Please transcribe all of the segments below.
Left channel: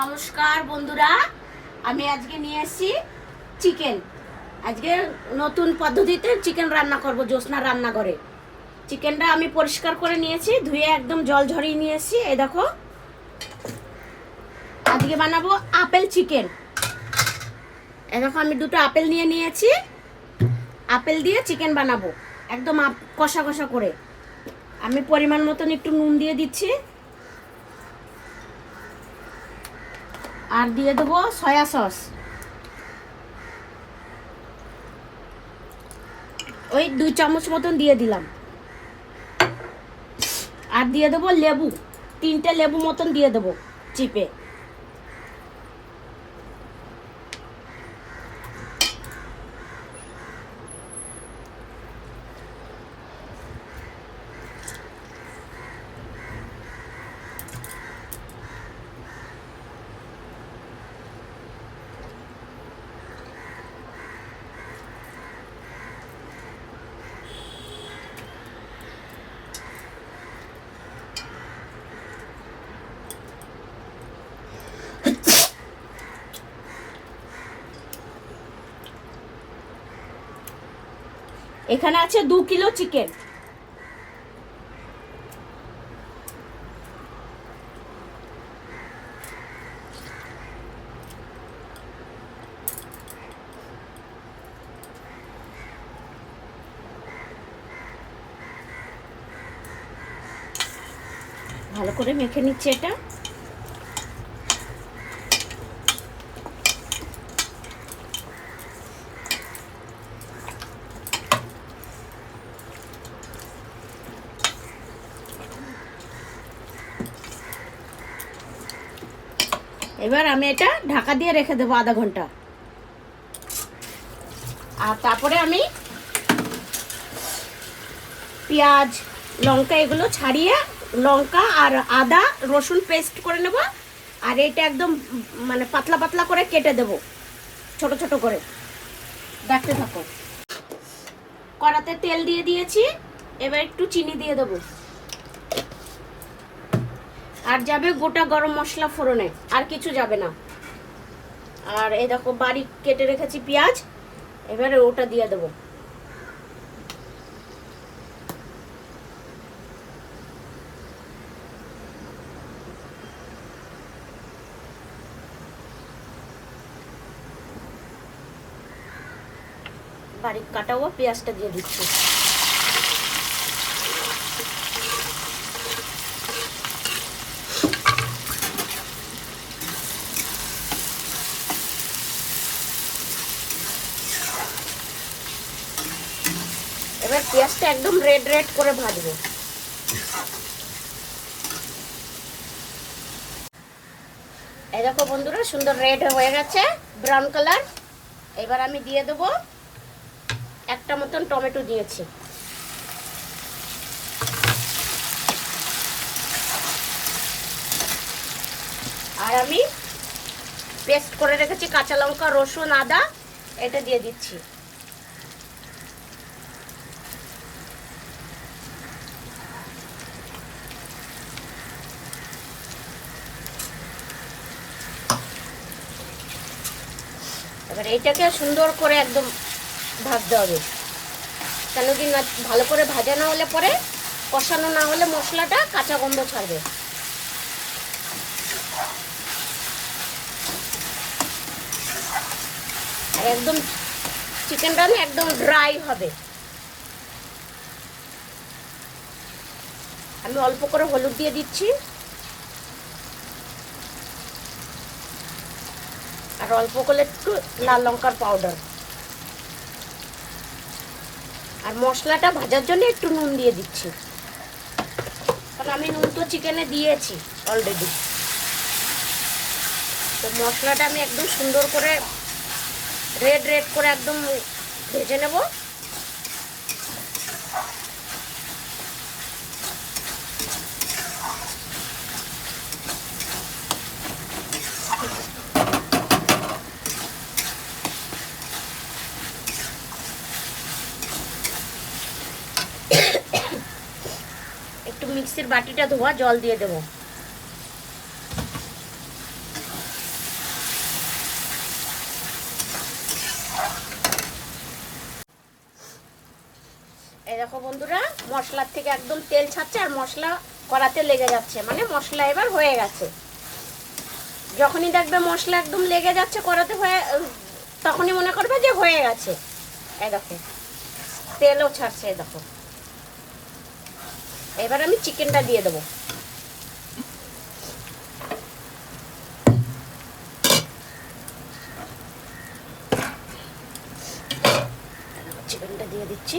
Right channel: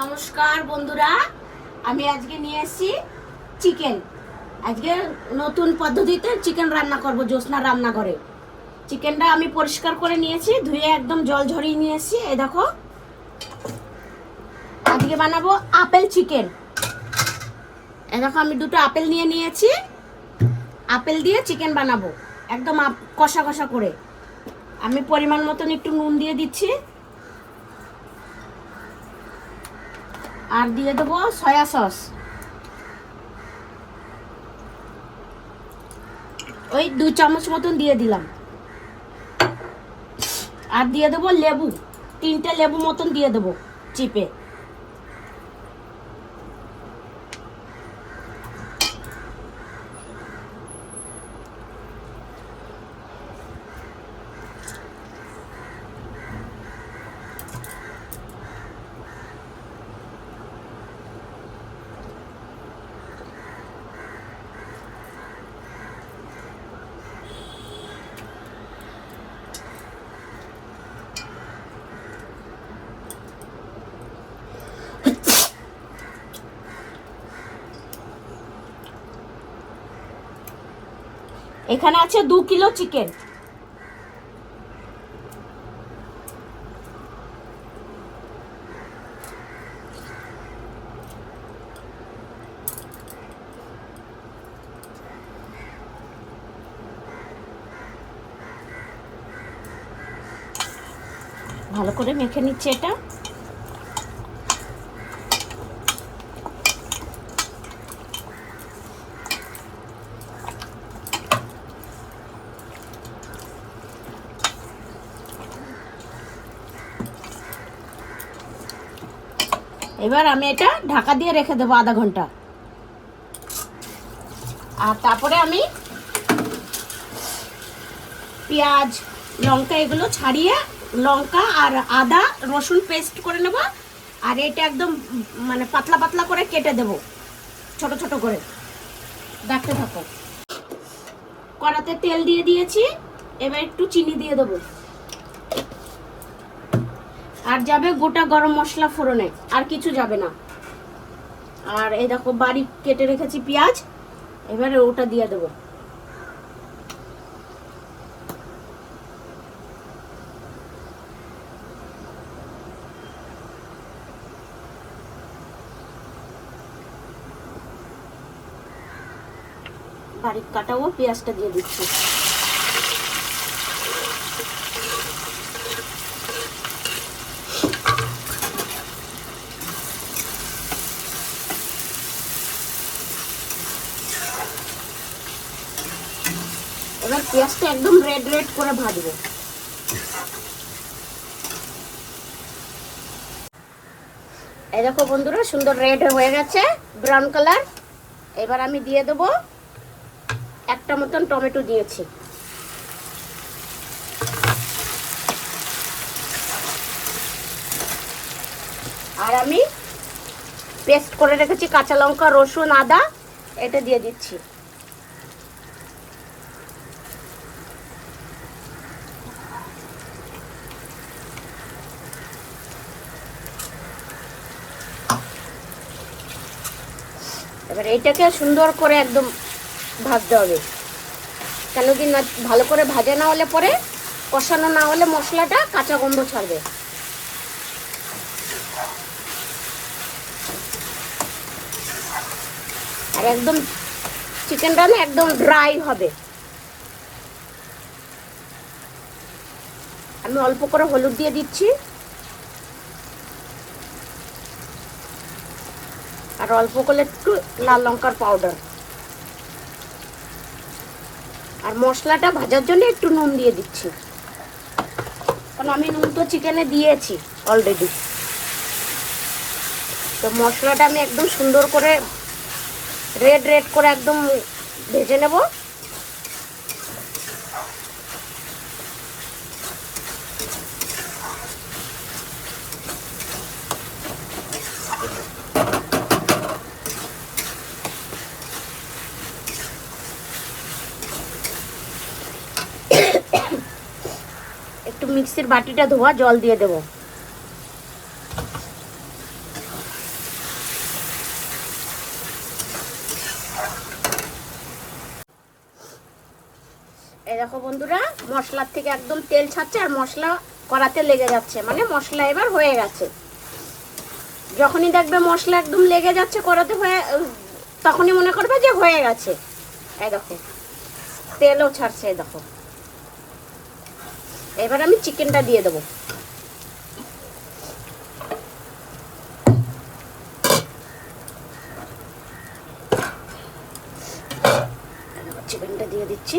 নমস্কার বন্ধুরা, আমি আজকে নিয়ে এসেছি চিকেন। আজকে নতুন পদ্ধতিতে চিকেন রান্না করব জ্যোৎস্না রান্নাঘরে। চিকেনটা আমি পরিষ্কার করে নিয়েছি, ধুয়ে একদম জল ঝরিয়ে নিয়ে এসেছি। এই দেখো, আজকে বানাবো আপেল চিকেন। এই দেখো, আমি দুটো আপেল নিয়ে নিয়েছি, আপেল দিয়ে চিকেন বানাবো একদম কষা কষা করে। আমি পরিমাণ মতন একটু নুন দিয়ে দিচ্ছি, আর দিয়ে দেবো সয়া সস, ওই 2 চামচ মতন দিয়ে দিলাম। আর দিয়ে দেবো লেবু, 3টে লেবু মতন দিয়ে দেবো চিপে। এখানে আছে 2 কিলো চিকেন। ভালো করে মেখে নিচ্ছে এটা। এবার আমি এটা ঢাকা দিয়ে রেখে দেবো আধা ঘন্টা। আর তারপরে আমি পেঁয়াজ লঙ্কা এগুলো ছাড়িয়ে, লঙ্কা আর আদা রসুন পেস্ট করে নেব। আর এটা একদম মানে পাতলা পাতলা করে কেটে দেব, ছোট ছোট করে। দেখতে থাকো। কড়াতে তেল দিয়ে দিয়েছি, এবার একটু চিনি দিয়ে দেবো। আর যাবে গোটা গরম মশলা ফোড়নে, আর কিছু যাবে না। আর এই দেখো, বারিক কেটে রেখেছি পেঁয়াজ, এবারে ওটা দিয়ে দেবো। বারিক কাটাও পেঁয়াজটা দিয়ে দিচ্ছি। এবার পেঁয়াজটা একদম রেড রেড করে ভাজবো। এই দেখো বন্ধুরা, সুন্দর রেড হয়ে গেছে, ব্রাউন কালার। এবার আমি দিয়ে দেবো একটা মতন টমেটো দিয়েছি। আর আমি পেস্ট করে রেখেছি কাঁচা লঙ্কা রসুন আদা, এটা দিয়ে দিচ্ছি। এবার এইটাকে সুন্দর করে একদম ভাজতে হবে, কেন কি না, ভালো করে ভাজা না হলে পরে, কষানো না হলে মশলাটা কাঁচা গন্ধ ছাড়বে। একদম চিকেনটা না একদম ড্রাই হবে। আমি অল্প করে হলুদ দিয়ে দিচ্ছি, আর অল্প করে একটু লাল লঙ্কার পাউডার। আর মশলাটা ভাজার জন্য একটু নুন দিয়ে দিচ্ছি, কারণ আমি নুন তো চিকেনে দিয়েছি অলরেডি। তো মশলাটা আমি একদম সুন্দর করে রেড রেড করে একদম ভেজে নেব। একটু মিক্সির বাটিটা ধোয়া জল দিয়ে দেবো। এই দেখো বন্ধুরা, মশলার থেকে একদম তেল ছাড়ছে আর মশলা কড়াতে লেগে যাচ্ছে, মানে মশলা এবার হয়ে গেছে। যখনই দেখবে মশলা একদম লেগে যাচ্ছে কড়াতে, হয়ে তখনই মনে করবে যে হয়ে গেছে। এই দেখো তেলও ছাড়ছে, এই দেখো। এবার আমি চিকেনটা দিয়ে দেবো। চিকেনটা দিয়ে দিচ্ছি।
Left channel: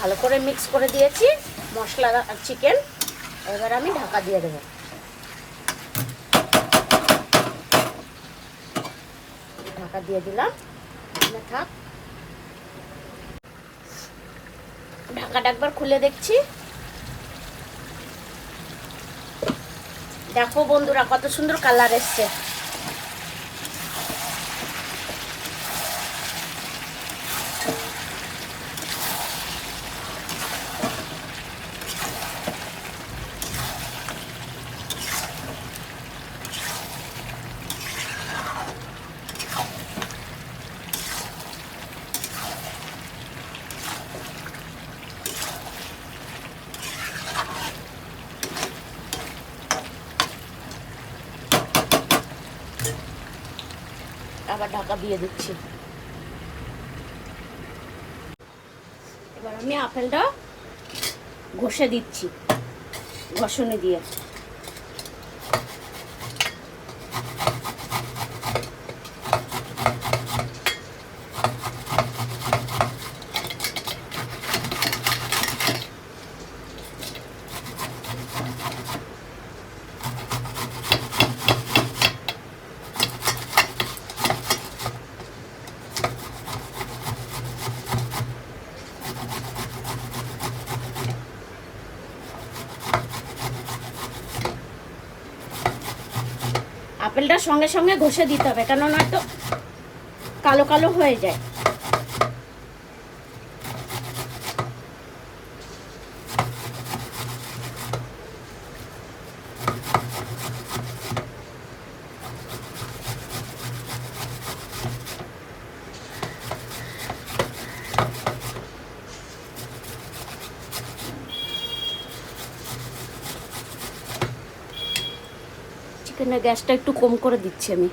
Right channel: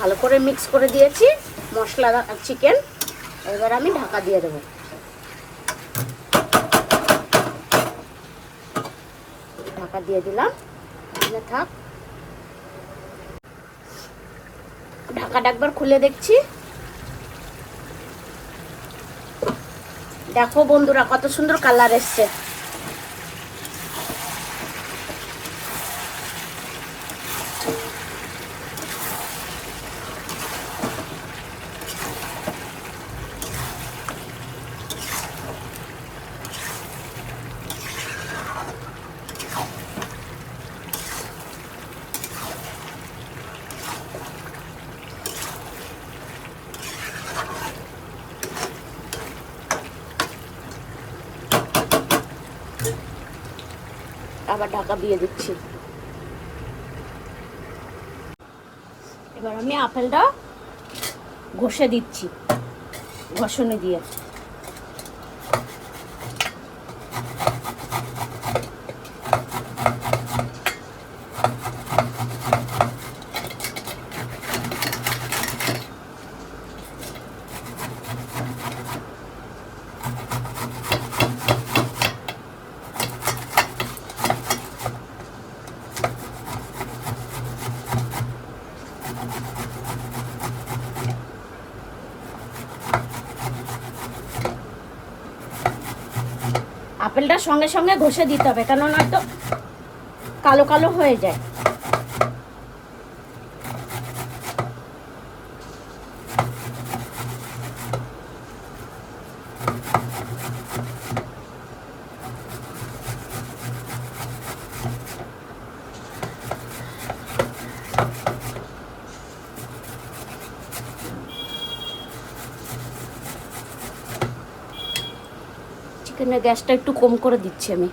ভালো করে মিক্স করে দিয়েছি মশলা আর চিকেন। এবার আমি ঢাকা দিয়ে দেবো। ঢাকা দিয়ে দিলাম, থাক। ঢাকাটা একবার খুলে দেখছি। দেখো বন্ধুরা, কত সুন্দর কালার এসছে। আবার ঢাকা দিয়ে দিচ্ছি। এবার আমি আপেলটা ঘষে দিচ্ছি, ঘষণে দিয়ে। আপেলটা সঙ্গে সঙ্গে ঘষে দিতে হবে, কেন নয়তো কালো কালো হয়ে যায়। চিকেনের গ্যাসটা একটু কম করে দিচ্ছি আমি।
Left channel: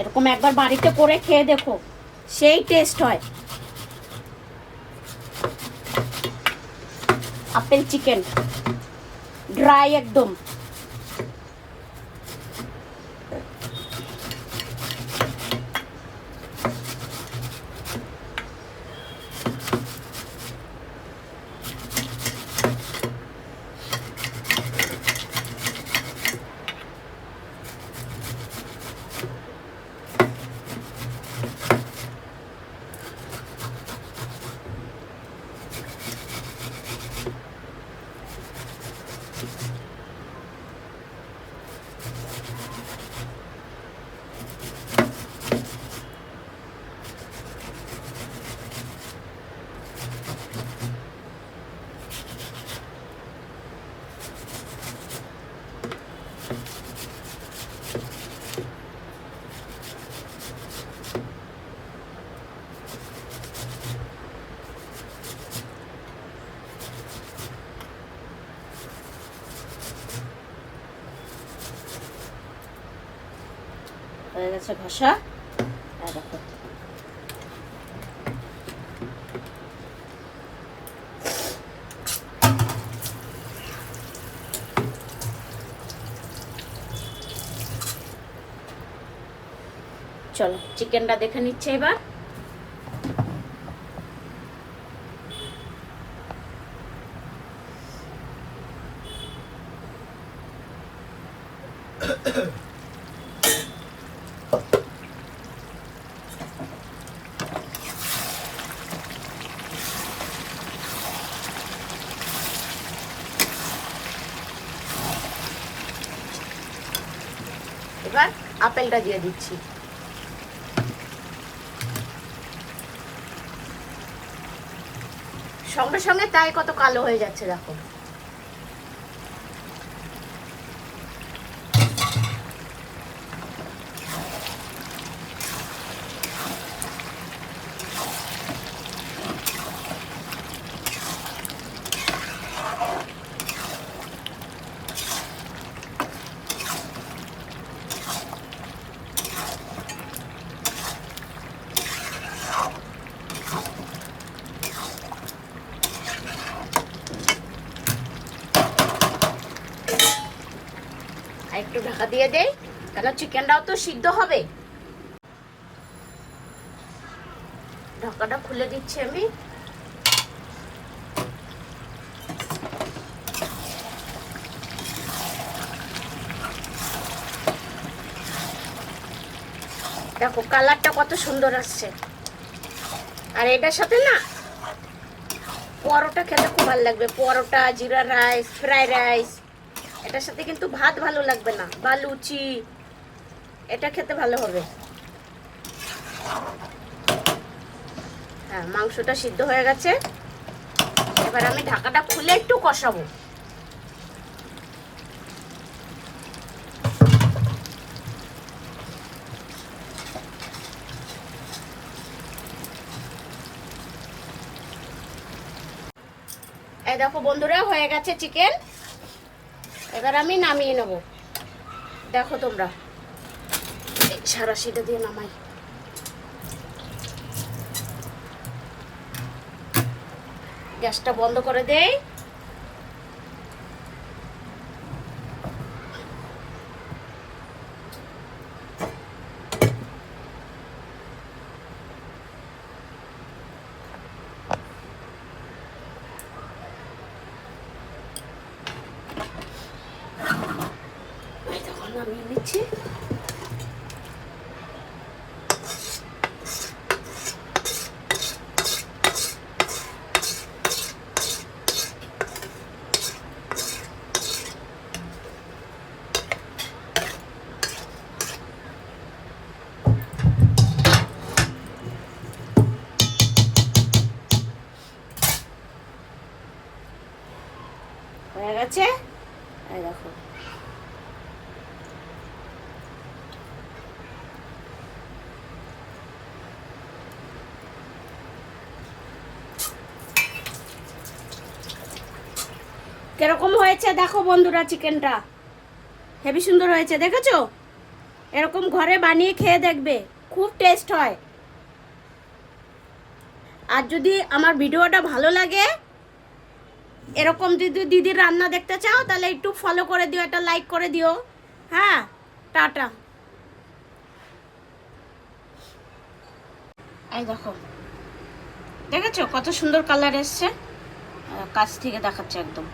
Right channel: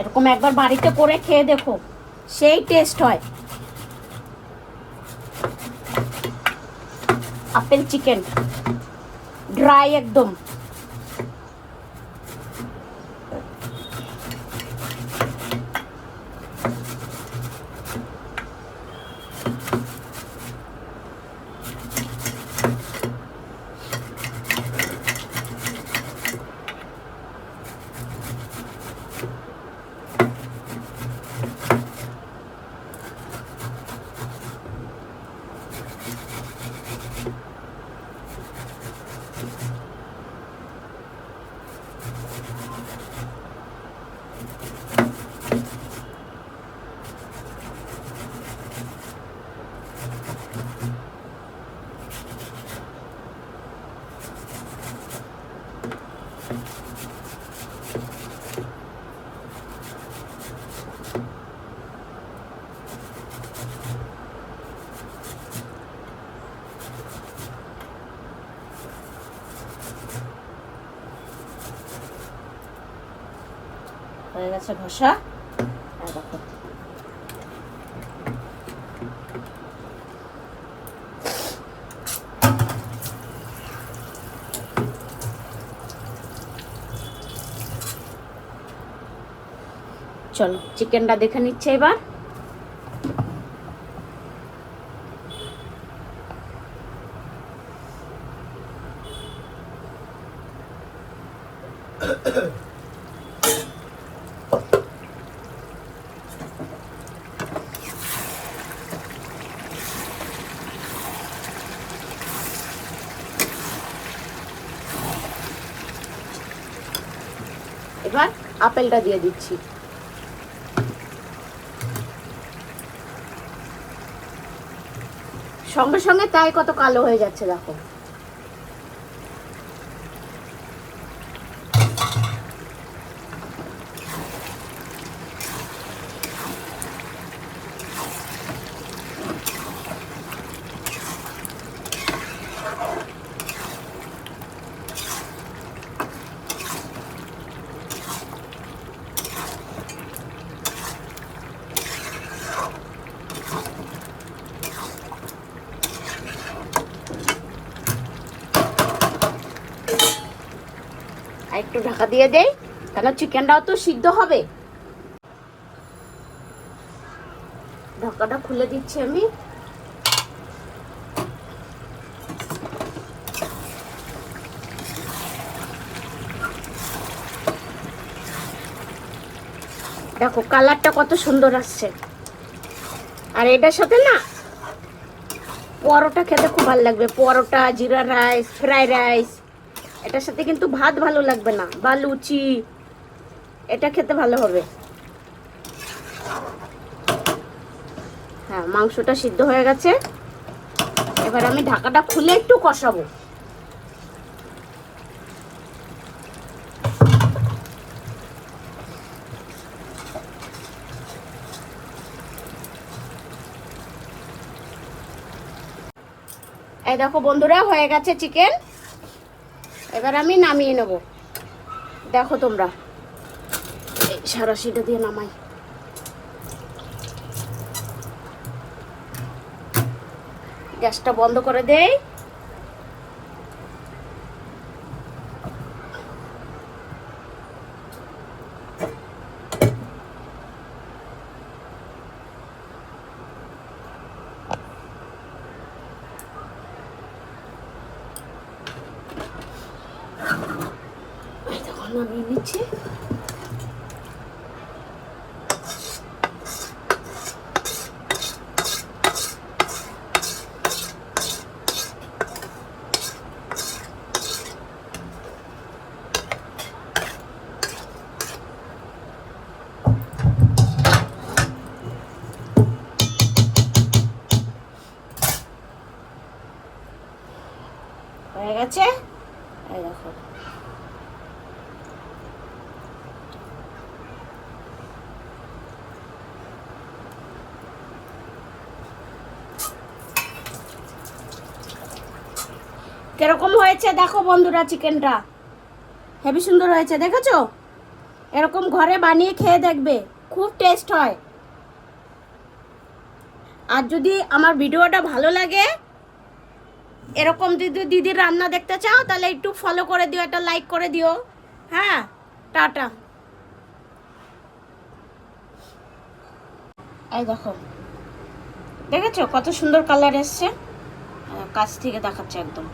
এরকম একবার বাড়িতে করে খেয়ে দেখো, সেই টেস্ট হয়। আপেল চিকেন ড্রাই একদম। হয়ে গেছে ঘষা। চল চিকেনটা দেখে নিচ্ছে এবার। এবার আপেলটা দিয়ে দিচ্ছি। সঙ্গে সঙ্গে তাই কত কালো হয়ে যাচ্ছে দেখো। একটু ঢাকা দিয়ে দেই, কেন চিকেনটাও তো সিদ্ধ হবে। ঢাকাটা খুলে দিচ্ছি আমি। দেখো কালারটা কত সুন্দর আসছে। আর এটার সাথে না পরোটা খেতে খুব ভালো লাগবে, পরোটা, জিরা রাইস, ফ্রাই রাইস। এটার সাথে কিন্তু ভাত ভালো লাগবে না, বা লুচি, এটা খেতে ভালো হবে। হ্যাঁ, মাংসটা সিদ্ধ হয়ে গেছে। এবার আমি ঢাকাটা খুলে একটু কষাবো। এই দেখো বন্ধুরা, হয়ে গেছে চিকেন। এবার আমি নামিয়ে নেব। দেখো তোমরা, সারাশিটা দিয়ে নামাই। গ্যাসটা বন্ধ করে দেই। নামিয়ে নিচ্ছি। হয়ে গেছে, এই দেখো। কিরকম হয়েছে দেখো বন্ধুরা, চিকেনটা হেবি সুন্দর হয়েছে, দেখেছো? এরকম ঘরে বানিয়ে খেয়ে দেখবে, খুব টেস্ট হয়। আর যদি আমার ভিডিওটা ভালো লাগে, এরকম যদি দিদির রান্না দেখতে চাও, তাহলে একটু ফলো করে দিও, একটা লাইক করে দিও। হ্যাঁ, টাটা। এই দেখো, দেখেছো কত সুন্দর কালার এসছে? কাছ থেকে দেখাচ্ছে একদম।